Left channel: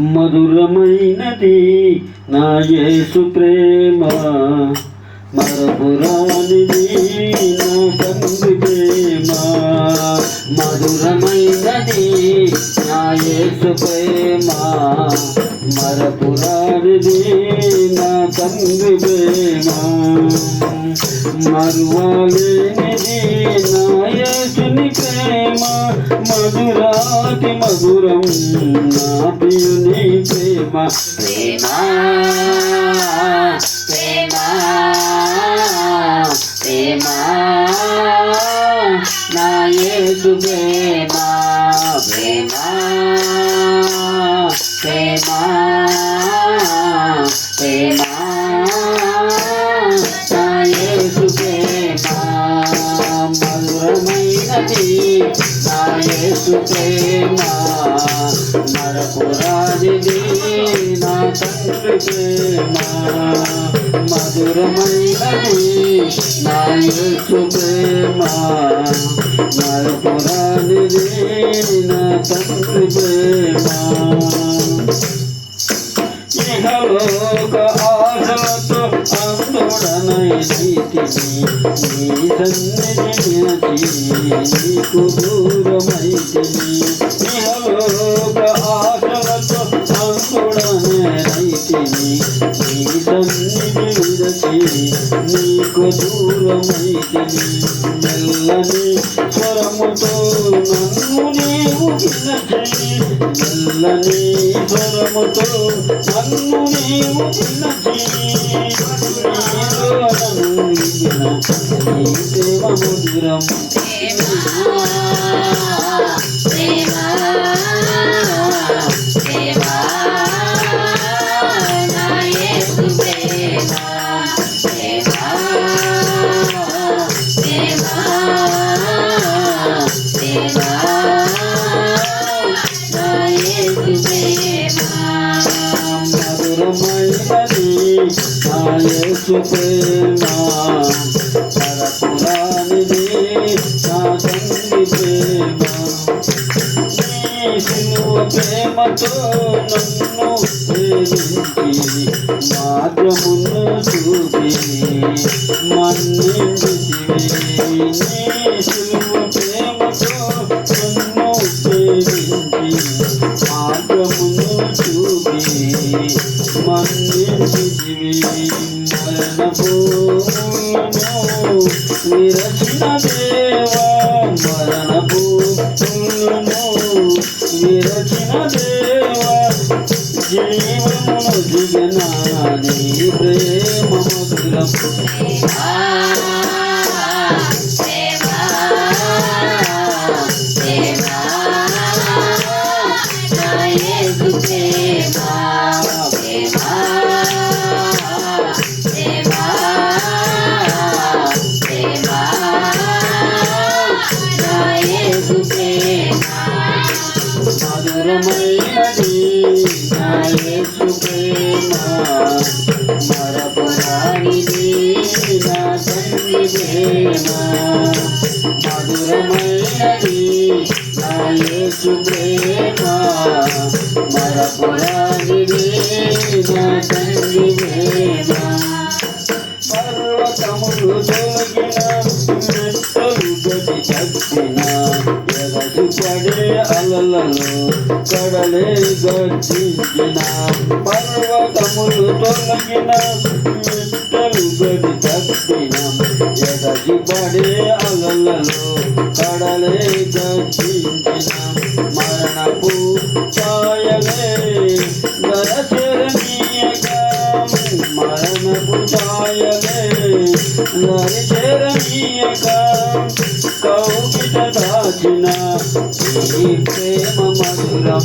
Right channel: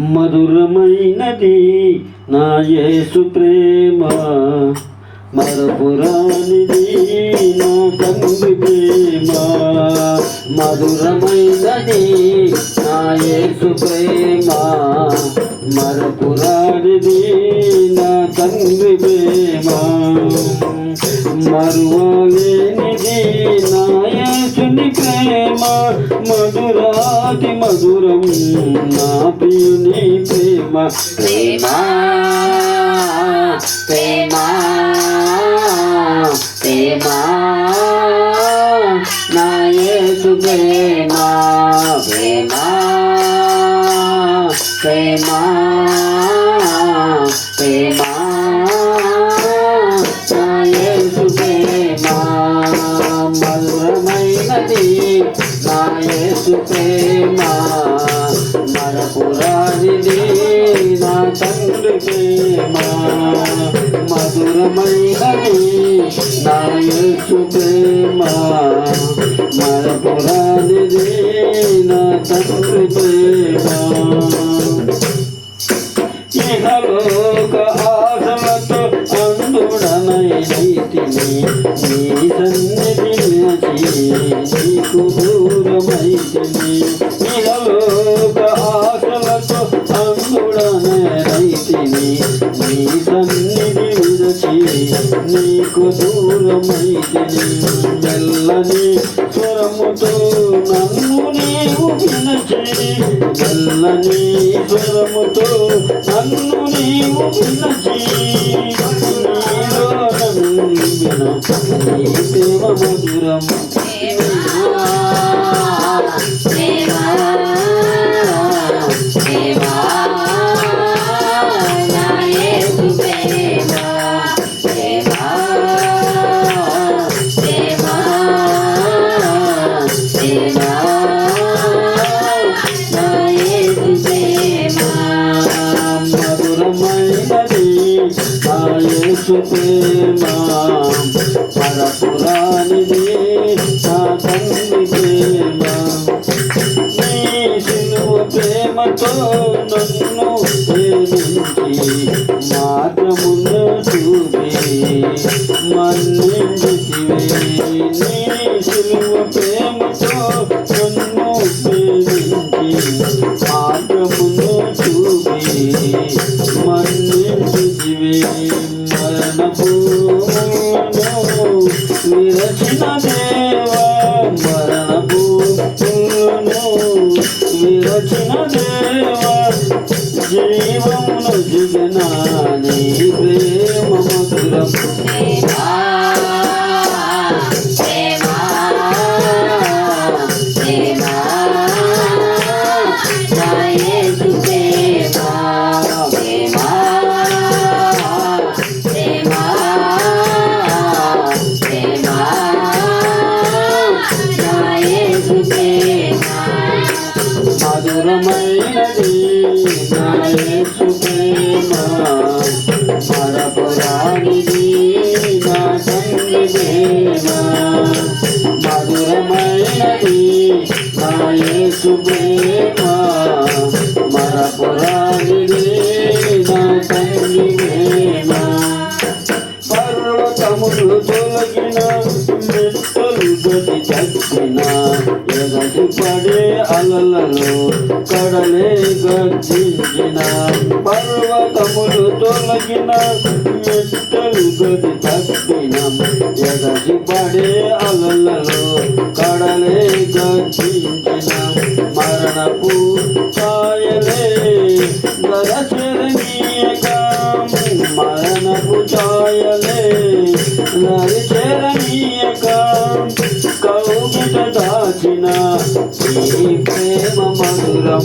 మధురమైనది నా యేసు ప్రేమ. మరపురానిది నా తండ్రి ప్రేమ. మధురమైనది నా యేసు ప్రేమ. మరపురానిది నా తండ్రి ప్రేమ. మరువలేనిది మధురం నా ప్రియుని ప్రేమ. ప్రేమ. ప్రేమ. ప్రేమ. నా యేసు ప్రేమ. ప్రేమ. ప్రేమ. ప్రేమ. నా యేసు ప్రేమ. మధురమైనది నా యేసు ప్రేమ. ప్రేమ మధురమైనది నా యేసు ప్రేమ మరపురాదిది నా తండ్రి ప్రేమ ఇహలోక ఆశలతో నీ సన్నిధి నీకు దూరమైతిని విరచి నీకు దూరమైతిని మెల్లని స్వరముతో నన్ను నీవు వినచి మెల్లని స్వరముతో నన్ను నీవు నీ సేవ మధురం మార్గమును చూపి మన్నించితివి నీ ప్రేమతో నన్ను ప్రేమించి మార్గమును చూపి మన్నించితివి మరణపు యేసు ప్రేమ మరపురానిది నా తండ్రి పర్వతములు తొలగిన మెట్టలు గతి తగ్గిన ఎగసి పడే అలలలో కడలే గర్జించిన. పర్వతములు తొలగిన మెట్టలు గతి తగ్గిన పడే మరణపు ఛాయలే దరచరణీయక కౌగిట దాచిన ఈ ప్రేమ మధురం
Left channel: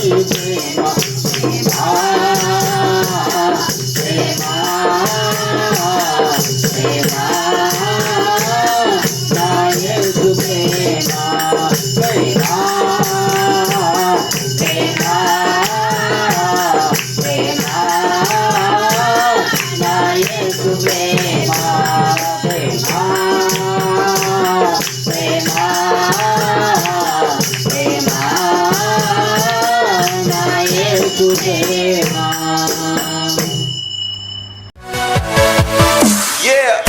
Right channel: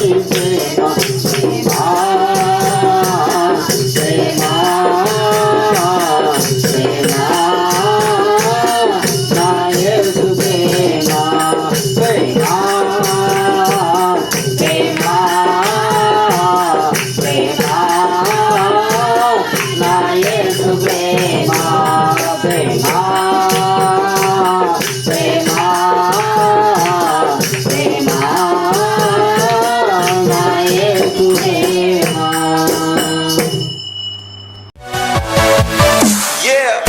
Thank you. Yeah.